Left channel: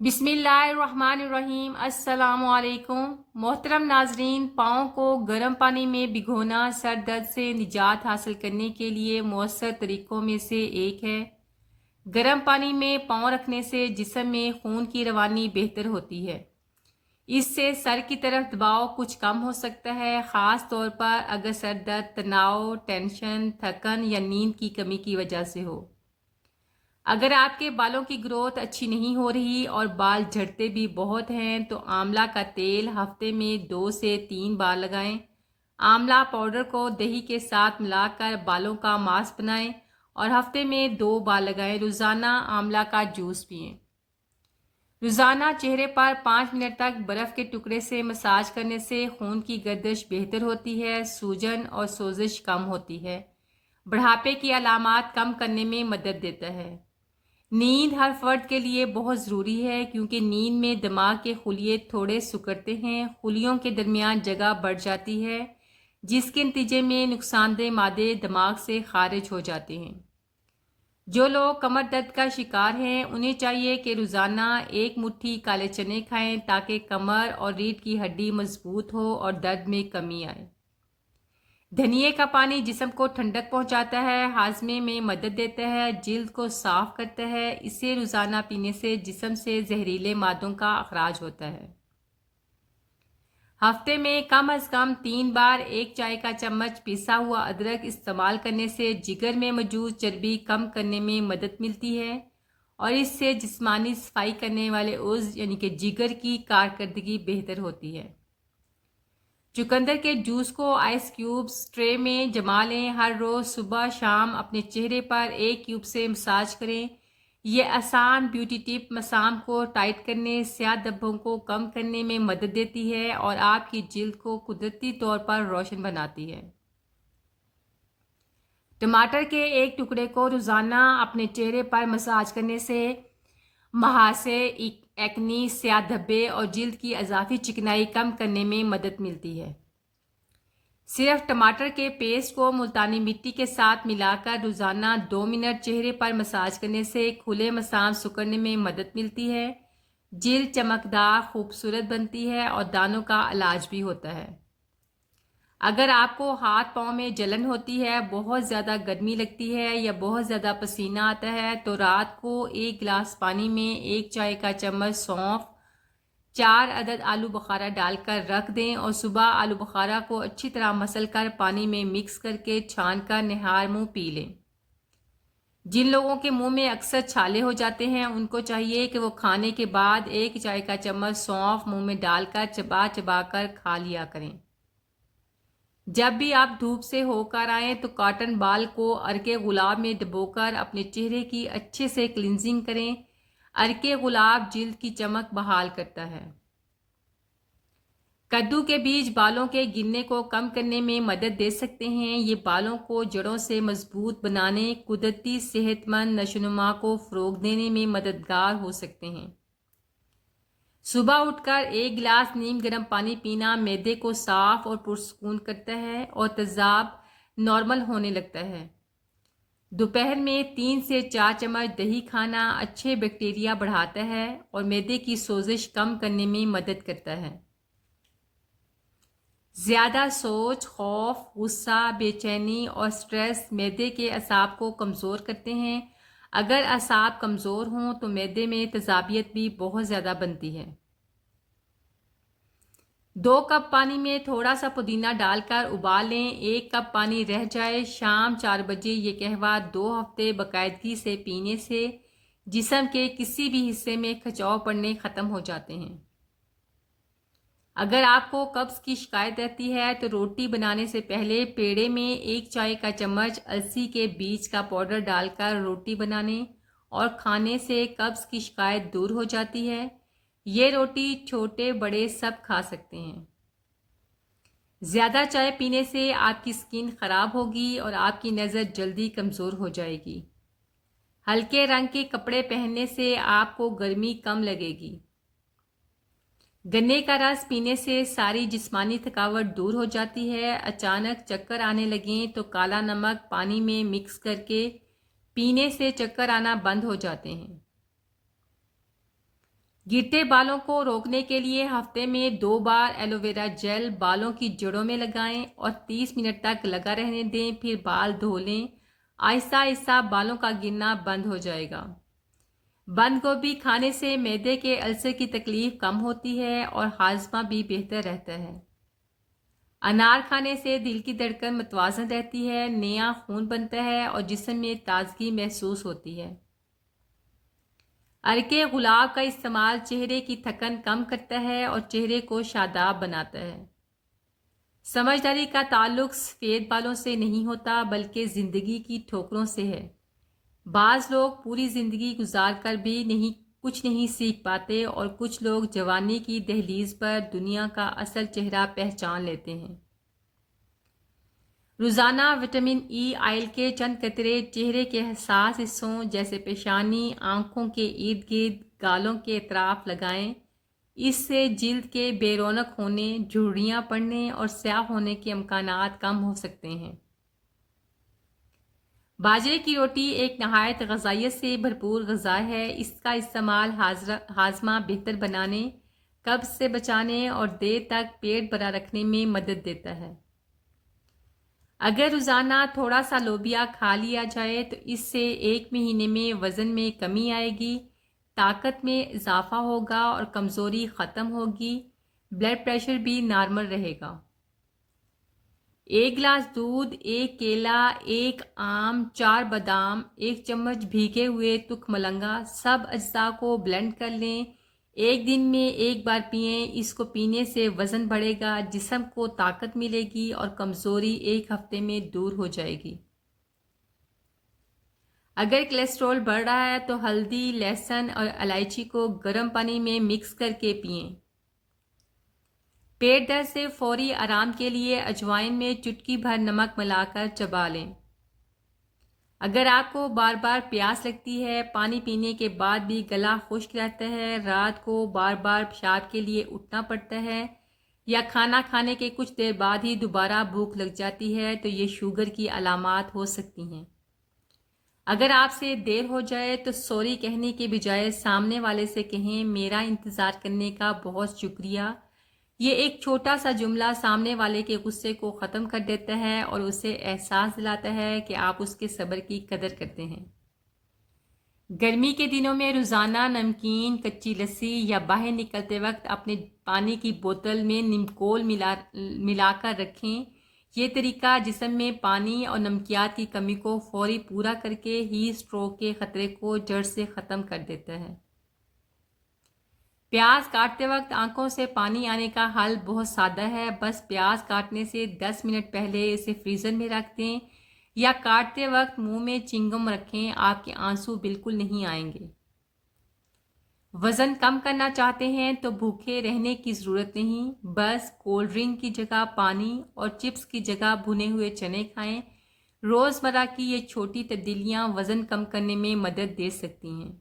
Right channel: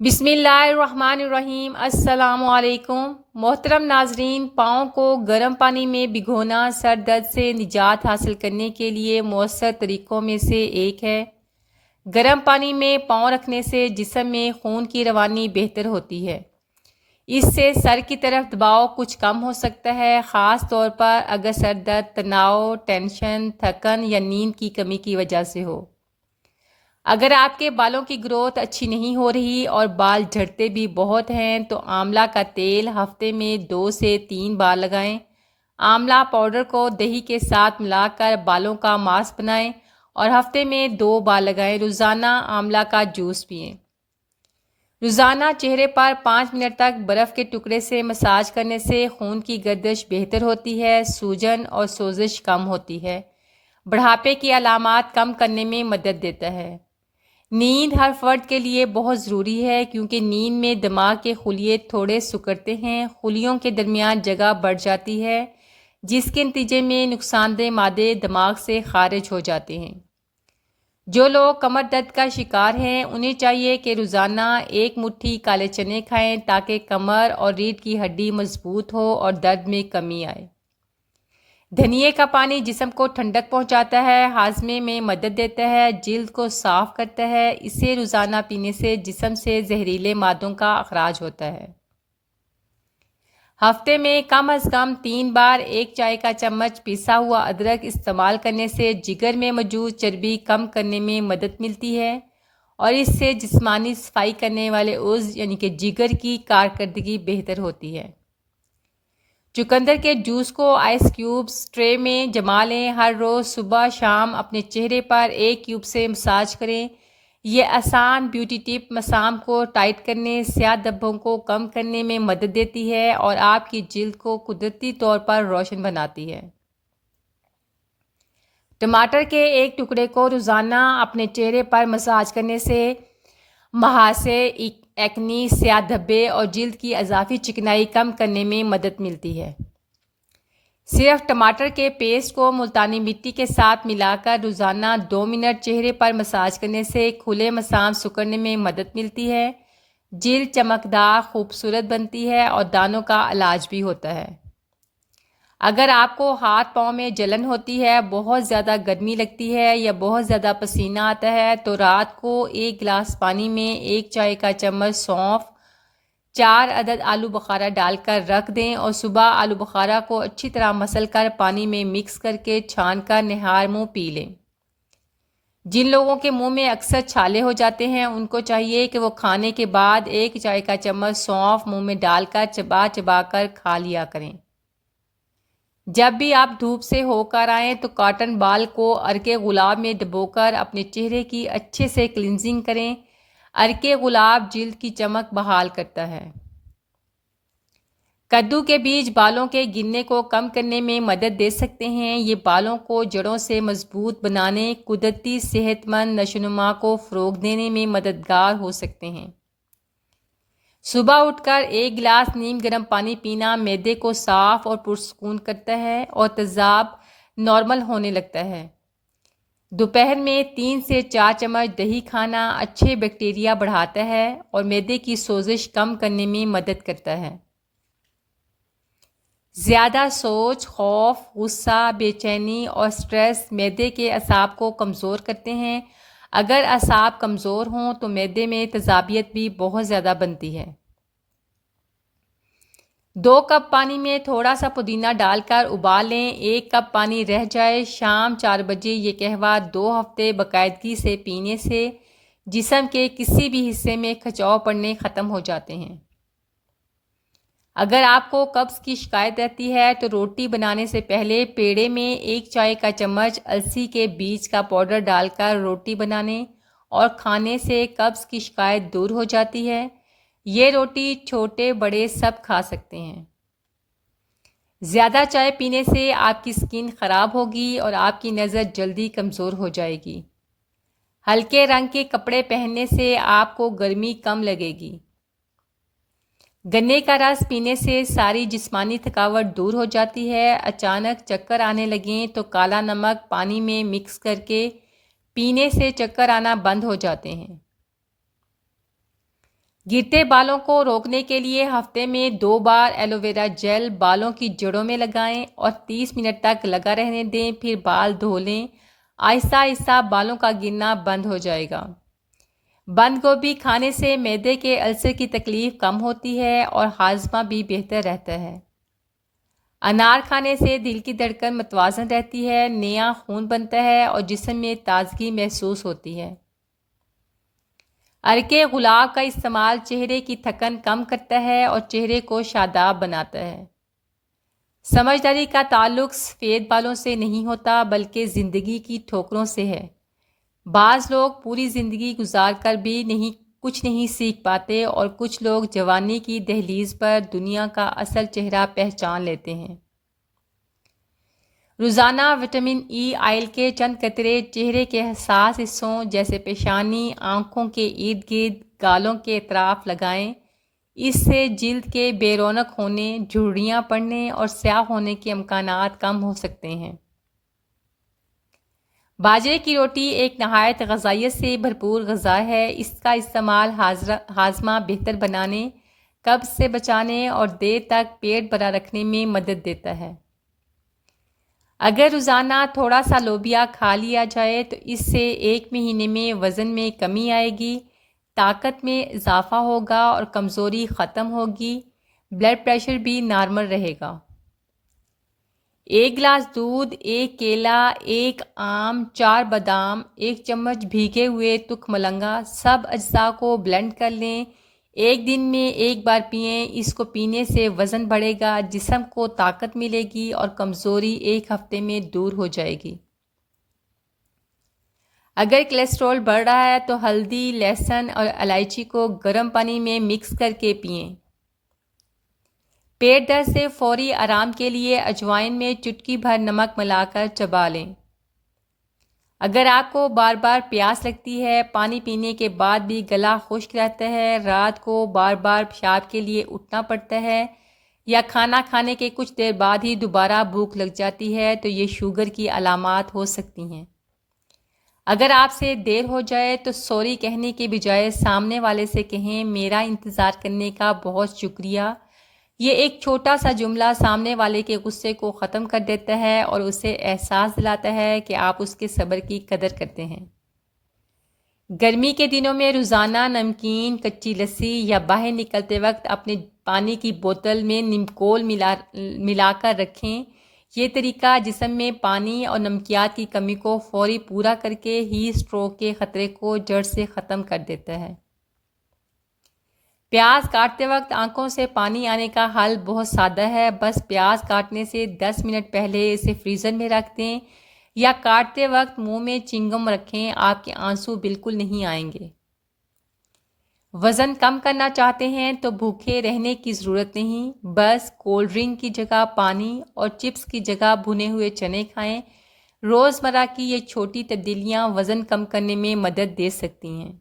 بسم اللہ الرحمن الرحیم۔ السلام علیکم محترم ناظرین، پاؤں کو گرم پانی میں بھگونا سر درد سے نجات حاصل کرنے کے لیے مؤثر طریقوں میں سے ایک ہے۔ گرم پانی میں پاؤں رکھنے سے جسم میں خون کی روانی بہتر ہوتی ہے۔ اس سے سر کی طرف دباؤ کچھ کم ہو سکتا ہے، خاص طور پر اگر سر درد تناؤ، ٹینشن، تھکن یا نیند کی کمی کی وجہ سے ہو۔ اگر آپ کے بالوں کی گروتھ اچھی نہیں ہو رہی اور بال جھڑتے بھی بہت ہیں تو آملہ کا تیل ہفتے میں 2 سے 3 بار لگائیں۔ آملہ پاؤڈر کو دہی کے ساتھ ملا کر بالوں کا ماسک بنائیں اور ہفتے میں 2 بار لگائیں۔ روزانہ آملہ کا جوس پئیں۔ روزانہ چہرے پر 5 منٹ تک برف کے ٹکڑے سے مساج کرنے سے خون کی گردش بہتر ہوتی ہے، سوجن اور سوزش کم ہوتی ہے، بڑھاپے کی علامات کم کرنے میں مدد دیتا ہے۔ نیند ہر فرد کے لیے بہت ضروری ہے کیونکہ نیند میں دماغ کے خلیے تھوڑے سکڑتے ہیں، خلیوں کے درمیان جگہ بڑھ جاتی ہے، جس کے نتیجے میں نقصان دہ مادے دماغ سے خارج ہو جاتے ہیں۔ جو لوگ کمر درد کا شکار ہیں انہیں چاہیے کہ روزانہ 1 مٹھی کالے چنے کھائیں تاکہ کمر اور ریڑھ کی ہڈی مضبوط ہو اور درد میں کمی آئے۔ دھنیے کا پانی جسم کو ٹھنڈک پہنچاتا ہے، ہاضمے میں مدد دیتا ہے، جلد کو صاف کرتا ہے۔ اسے روزانہ پینے سے جسم سے زہریلے مادوں کا اخراج ہوتا ہے۔ ہفتے میں کم از کم 3 بار 1 چائے کا چمچ پیسا ہوا ادرک استعمال کرنے سے جگر میں موجود چربی کم کرنے میں مدد ملتی ہے اور اس سے جسمانی صفائی کرنے والے عضو یعنی کہ جگر کی کارکردگی بہتر ہوتی ہے۔ چقندر کے جوس کو آئس کیوبز ٹرے میں جما لیں۔ ہر روز صبح شام اپنے چہرے پر 1 کیوب سے مساج کریں۔ یہ آسان بیوٹی ٹپ مسام کو ٹائٹ کرنے، سیاہ دھبوں کو کم کرنے میں مدد دیتی ہے اور آپ کی جلد کو قدرتی طور پر روشن بناتی ہے۔ ٹماٹر کے ایک ٹکڑے کو روزانہ اپنے چہرے پر مساج کرنے سے مہاسے، ایکنی، سیاہ دھبے اور جلد کی اضافی چکنائی کم کرنے میں مدد ملتی ہے۔ صرف ٹماٹر کے پیسٹ کو ملتانی مٹی کے ساتھ ملا کر روزانہ 2 منٹ چہرے پر مساج کرنے سے کھلے مسام سکڑنے میں مدد ملتی ہے، جلد چمکدار، خوبصورت بنتی ہے اور دانوں کا علاج بھی ہوتا ہے۔ اگر آپ کو ہاتھ پاؤں میں جلن ہوتی ہے، بہت زیادہ گرمی لگتی ہے یا بہت زیادہ پسینہ آتا ہے تو رات کو 1 گلاس پانی میں 1 چائے کا چمچ سونف، 4 عدد آلو بخارا ڈال کر رکھ دیں اور صبح آلو بخارا کو اچھی طرح مسل کر پانی میں مکس کر کے چھان کر نہار منہ پی لیں۔ جن لوگوں کے منہ میں اکثر چھالے ہو جاتے ہیں ان کو چاہیے کہ وہ کھانے کے بعد 1 چائے کا چمچ سونف منہ میں ڈال کر چبا چبا کر کھا لیا کریں۔ جب بھی آپ دھوپ سے ہو کر آئیں تو کاٹن بال کو عرق گلاب میں ڈبو کر اپنے چہرے کی اچھے سے کلینزنگ کریں۔ عرق گلاب جلد کی چمک بحال کرتا ہے۔ کدو کے بیج بالوں کے گرنے کو کم کرنے میں مدد دے سکتے ہیں۔ یہ بالوں کو جڑوں سے مضبوط بنانے، قدرتی صحت مند نشوونما کو فروغ دینے میں مددگار ہو سکتے ہیں۔ صبح اٹھ کر 1 گلاس نیم گرم پانی پینا معدے کو صاف اور پرسکون کرتا ہے اور تیزاب نارمل ہونے لگتا ہے۔ دوپہر میں 3 سے 4 چمچ دہی کھانا اچھے بیکٹیریا بڑھاتا ہے اور معدے کی سوزش کم کرنے میں مدد کرتا ہے۔ زیادہ سوچ، خوف، غصہ، بے چینی اور سٹریس معدے کے اعصاب کو کمزور کرتے ہیں۔ اگر اعصاب کمزور ہوں تو معدے میں تیزابیت بھی بہت زیادہ بنتی ہے۔ 2 کپ پانی میں تھوڑا سا پودینہ ڈال کر ابال لیں۔ 1 کپ پانی رہ جائے۔ شام 4 بجے یہ قہوہ 2 ہفتے باقاعدگی سے پینے سے جسم کے کسی بھی حصے میں کھچاؤ پڑنے ختم ہو جاتے ہیں۔ اگر آپ کو قبض کی شکایت رہتی ہے تو روٹی بنانے سے پہلے پیڑے میں 1 چائے کا چمچ السی کے بیج کا پاؤڈر ڈال کر روٹی بنانے اور کھانے سے قبض کی شکایت دور ہو جاتی ہے۔ یہ روٹی چھوٹے بڑے سب کھا سکتے ہیں۔ زیادہ چائے پینے سے آپ کی سکن خراب ہوگی اور آپ کی نظر جلدی کمزور ہو جائے گی۔ ہلکے رنگ کے کپڑے پہننے سے آپ کو گرمی کم لگے گی۔ گنے کا رس پینے سے ساری جسمانی تھکاوٹ دور ہو جاتی ہے۔ اچانک چکر آنے لگیں تو کالا نمک پانی میں مکس کر کے پینے سے چکر آنا بند ہو جاتے ہیں۔ گرتے بالوں کو روکنے کے لیے ہفتے میں 2 بار ایلو ویرا جیل بالوں کی جڑوں میں لگائیں اور 30 منٹ تک لگا رہنے دیں، پھر بال دھو لیں۔ آہستہ آہستہ بالوں کا گرنا بند ہو جائے گا۔ بند گوبھی کھانے سے معدے کے السر کی تکلیف کم ہوتی ہے اور ہاضمہ بھی بہتر رہتا ہے۔ انار کھانے سے دل کی دھڑکن متوازن رہتی ہے، نیا خون بنتا ہے اور جسم میں تازگی محسوس ہوتی ہے۔ ارکے گلاب کا استعمال چہرے کی تھکن کم کرتا ہے اور چہرے کو شاداب بناتا ہے۔ سمجھداری کا تعلق سفید بالوں سے نہیں ہوتا بلکہ زندگی کی ٹھوکروں سے ہے۔ بعض لوگ پوری زندگی گزار کر بھی کچھ نہیں سیکھ پاتے اور کچھ لوگ جوانی کی دہلیز پر دنیا کا اصل چہرہ پہچان لیتے ہیں۔ روزانہ وٹامن ای آئل کے چند قطرے چہرے کے حساس حصوں جیسے پیشانی، آنکھوں کے ارد گرد، گالوں کے اطراف لگائیں۔ اس سے جلد کے بے رونق ہونے، جھرریاں پڑنے اور سیاہ ہونے کے امکانات کم ہو سکتے ہیں۔ باجرے کی روٹی ایک نہایت غذائیت سے بھرپور غذا ہے۔ اس کا استعمال ہاضمہ بہتر بنانے، قبض سے بچانے اور دیر تک پیٹ بھرا رکھنے میں مدد دیتا ہے۔ اگر روزانہ تھوڑا سا لوبیا کھا لیا جائے تو اس سے 1 مہینے میں وزن میں کمی آئے گی، طاقت میں اضافہ ہوگا اور کمزوری ختم ہوگی، بلڈ پریشر بھی نارمل رہے گا۔ 1 گلاس دودھ، 1 کیلا، 1 آم، 4 بادام، 1 چمچ بھیگے ہوئے تک ملنگا، سب اجزاء کو بلینڈ کر لیں۔ 1 دن میں 1 بار پئیں۔ اس کو پینے سے وزن بڑھے گا، جسم کو طاقت ملے گی اور کمزوری 1 ہفتے میں دور ہو جائے گی۔ اگر کولیسٹرول بڑھ رہا ہے تو ہلدی، لہسن اور الائچی کو گرم پانی میں مکس کر کے پئیں۔ پیٹ درد سے فوری آرام کے لیے اجوائن میں چٹکی بھر نمک ملا کر چبا لیں۔ اگر آپ کو بار بار پیاس لگتی ہے، پانی پینے کے بعد بھی گلا خشک رہتا ہے، رات کو بار بار پیشاب کے لیے اٹھنا پڑتا ہے یا کھانا کھانے کے کچھ دیر بعد ہی دوبارہ بھوک لگ جاتی ہے تو یہ شوگر کی علامات ہو سکتی ہیں۔ اگر آپ سے دیر ہو جائے تو سوری کہنے کے بجائے سامنے والے سے کہیں، میرا انتظار کرنے کا بہت شکریہ۔ یہ ایک چھوٹا سا جملہ سامنے والے کے غصے کو ختم کر دیتا ہے اور اسے احساس دلاتا ہے کہ آپ اس کے صبر کی قدر کرتے ہیں۔ گرمی کے دنوں میں روزانہ نمکین، کچی لسی یا باہر نکلتے وقت اپنے پانی کی بوتل میں نیمکول ملا کر رکھیں۔ یہ طریقہ جسم میں پانی اور نمکیات کی کمی کو فوری پورا کر کے ہیٹ اسٹروک کے خطرے کو جڑ سے ختم کر دیتا ہے۔ پیاز کاٹتے وقت آنکھوں سے پانی آنے کا حل بہت سادہ ہے، بس پیاز کاٹنے سے 10 منٹ پہلے اسے فریزر میں رکھ دیں یا کاٹتے وقت منہ میں چنگم رکھیں، آپ کے آنسو بالکل نہیں آئیں گے۔ وزن کم کرنا چاہتے ہیں تو بھوکے رہنے کی ضرورت نہیں، بس کولڈ ڈرنک کی جگہ پانی اور چپس کی جگہ بھنے ہوئے چنے کھائیں۔ روزمرہ کی یہ چھوٹی تبدیلیاں وزن کم کرنے میں مدد دے سکتی ہیں۔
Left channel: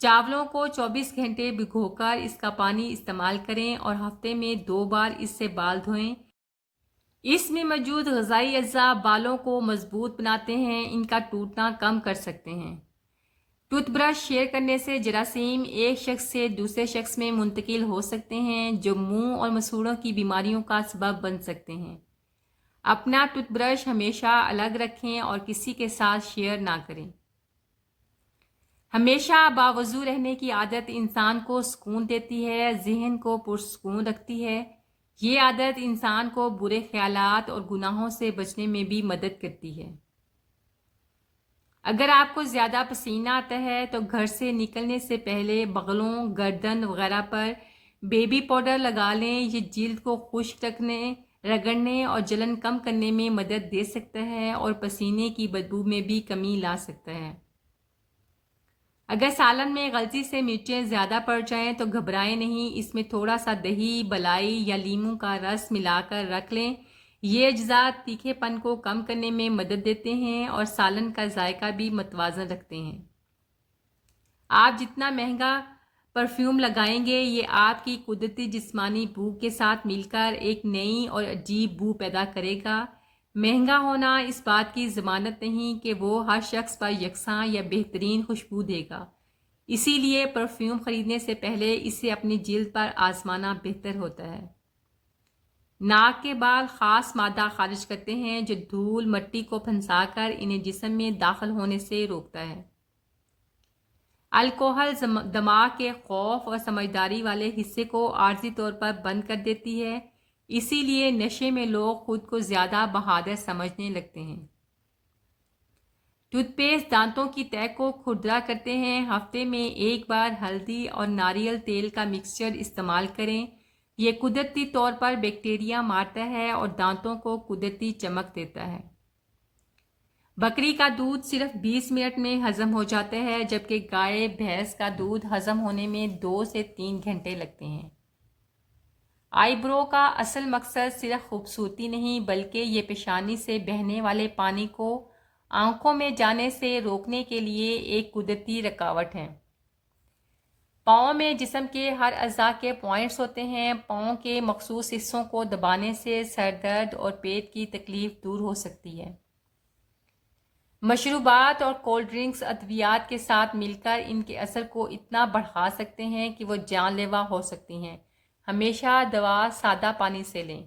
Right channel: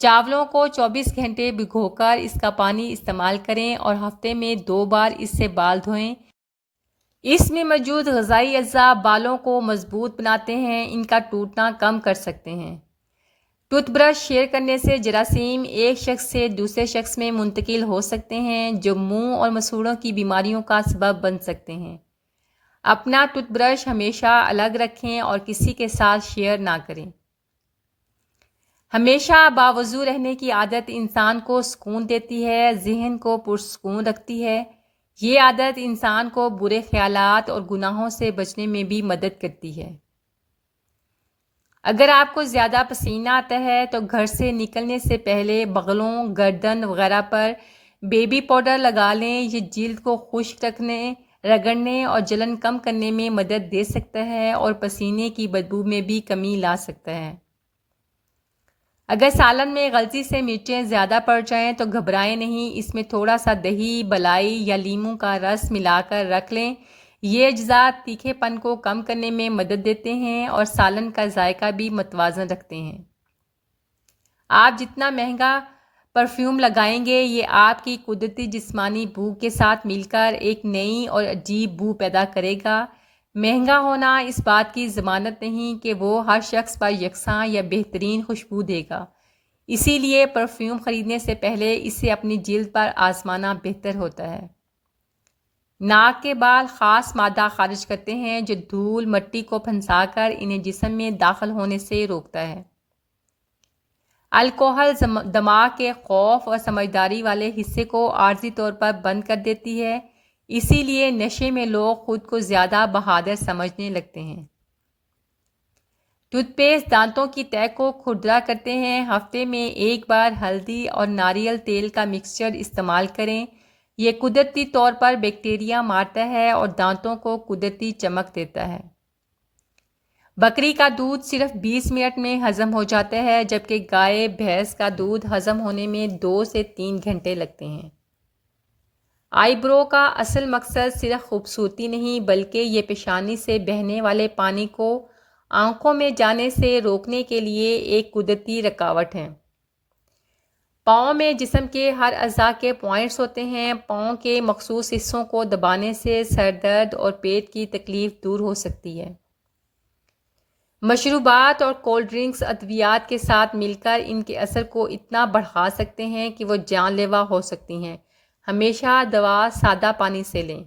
چاولوں کو 24 گھنٹے بھگو کر اس کا پانی استعمال کریں اور ہفتے میں 2 بار اس سے بال دھوئیں۔ اس میں موجود غذائی اجزاء بالوں کو مضبوط بناتے ہیں، ان کا ٹوٹنا کم کر سکتے ہیں۔ ٹوتھ برش شیئر کرنے سے جراثیم ایک شخص سے دوسرے شخص میں منتقل ہو سکتے ہیں، جو منہ اور مسوڑوں کی بیماریوں کا سبب بن سکتے ہیں۔ اپنا ٹوتھ برش ہمیشہ الگ رکھیں اور کسی کے ساتھ شیئر نہ کریں۔ ہمیشہ باوضو رہنے کی عادت انسان کو سکون دیتی ہے، ذہن کو پرسکون رکھتی ہے۔ یہ عادت انسان کو برے خیالات اور گناہوں سے بچنے میں بھی مدد کرتی ہے۔ اگر آپ کو زیادہ پسینہ آتا ہے تو گھر سے نکلنے سے پہلے بغلوں، گردن وغیرہ پر بیبی پاؤڈر لگا لیں۔ یہ جلد کو خشک رگڑنے اور جلن کم کرنے میں مدد دے سکتا ہے اور پسینے کی بدبو میں بھی کمی لا سکتا ہے۔ اگر سالن میں غلطی سے مرچیں زیادہ پڑ جائیں تو گھبرائیں نہیں، اس میں تھوڑا سا دہی، بلائی یا لیموں کا رس ملا کر رکھ لیں۔ یہ اجزاء تیکھے پن کو کم کرنے میں مدد دیتے ہیں اور سالن کا ذائقہ بھی متوازن رکھتے ہیں۔ آپ جتنا مہنگا پرفیوم لگائیں گے، یہ آپ کی قدرتی جسمانی بو کے ساتھ مل کر ایک نئی اور عجیب بو پیدا کرے گا۔ مہنگا ہونا اس بات کی ضمانت نہیں کہ وہ ہر شخص پر یکساں یا بہترین خوشبو دے گا۔ اسی لیے پرفیوم خریدنے سے پہلے اسے اپنی جلد پر آزمانا بہتر ہوتا ہے۔ ناک کے بال خاص مادہ خارج کرتے ہیں جو دھول مٹی کو پھنسا کر انہیں جسم میں داخل ہونے سے روکتا ہے۔ الکوحل دماغ کے خوف اور سمجھداری والے حصے کو عارضی طور پر بند کر دیتی ہے، اسی لیے نشے میں لوگ خود کو زیادہ بہادر سمجھنے لگتے ہیں۔ ٹوتھ پیسٹ دانتوں کی تہہ کو کھردرا کرتے ہیں۔ ہفتے میں ایک بار ہلدی اور ناریل تیل کا مکسچر استعمال کریں۔ یہ قدرتی طور پر بیکٹیریا مارتا ہے اور دانتوں کو قدرتی چمک دیتا ہے۔ بکری کا دودھ صرف 20 منٹ میں ہضم ہو جاتا ہے، جبکہ گائے بھینس کا دودھ ہضم ہونے میں 2 سے 3 گھنٹے لگتے ہیں۔ آئی برو کا اصل مقصد صرف خوبصورتی نہیں بلکہ یہ پیشانی سے بہنے والے پانی کو آنکھوں میں جانے سے روکنے کے لیے ایک قدرتی رکاوٹ ہے۔ پاؤں میں جسم کے ہر اعضاء کے پوائنٹس ہوتے ہیں۔ پاؤں کے مخصوص حصوں کو دبانے سے سر درد اور پیٹ کی تکلیف دور ہو سکتی ہے۔ مشروبات اور کولڈ ڈرنکس ادویات کے ساتھ مل کر ان کے اثر کو اتنا بڑھا سکتے ہیں کہ وہ جان لیوا ہو سکتی ہیں۔ ہمیشہ دوا سادہ پانی سے لیں۔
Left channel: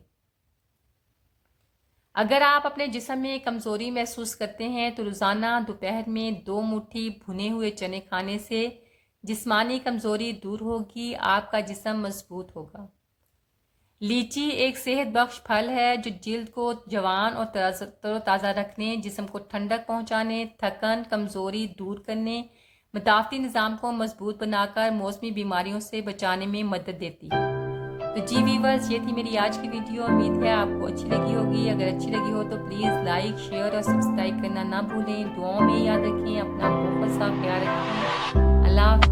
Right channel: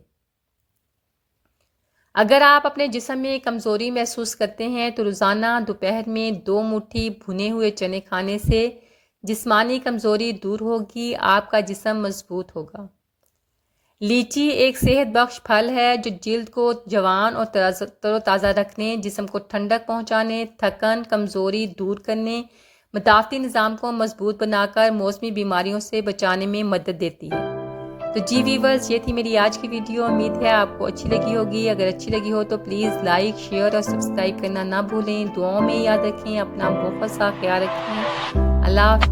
اگر آپ اپنے جسم میں کمزوری محسوس کرتے ہیں تو روزانہ دوپہر میں 2 مٹھی بھنے ہوئے چنے کھانے سے جسمانی کمزوری دور ہوگی، آپ کا جسم مضبوط ہوگا۔ لیچی ایک صحت بخش پھل ہے جو جلد کو جوان اور تر و تازہ رکھنے، جسم کو ٹھنڈک پہنچانے، تھکن کمزوری دور کرنے، مدافعتی نظام کو مضبوط بنا کر موسمی بیماریوں سے بچانے میں مدد دیتی ہے۔ تو جی ویورز، یہ تھی میری آج کی ویڈیو۔ امید ہے آپ کو اچھی لگی ہوگی۔ اگر اچھی لگی ہو تو پلیز لائک، شیئر اور سبسکرائب کرنا نہ بھولیں۔ دعاؤں میں یاد رکھیں، اپنا بہت سا خیال رکھیں۔ اللہ حافظ۔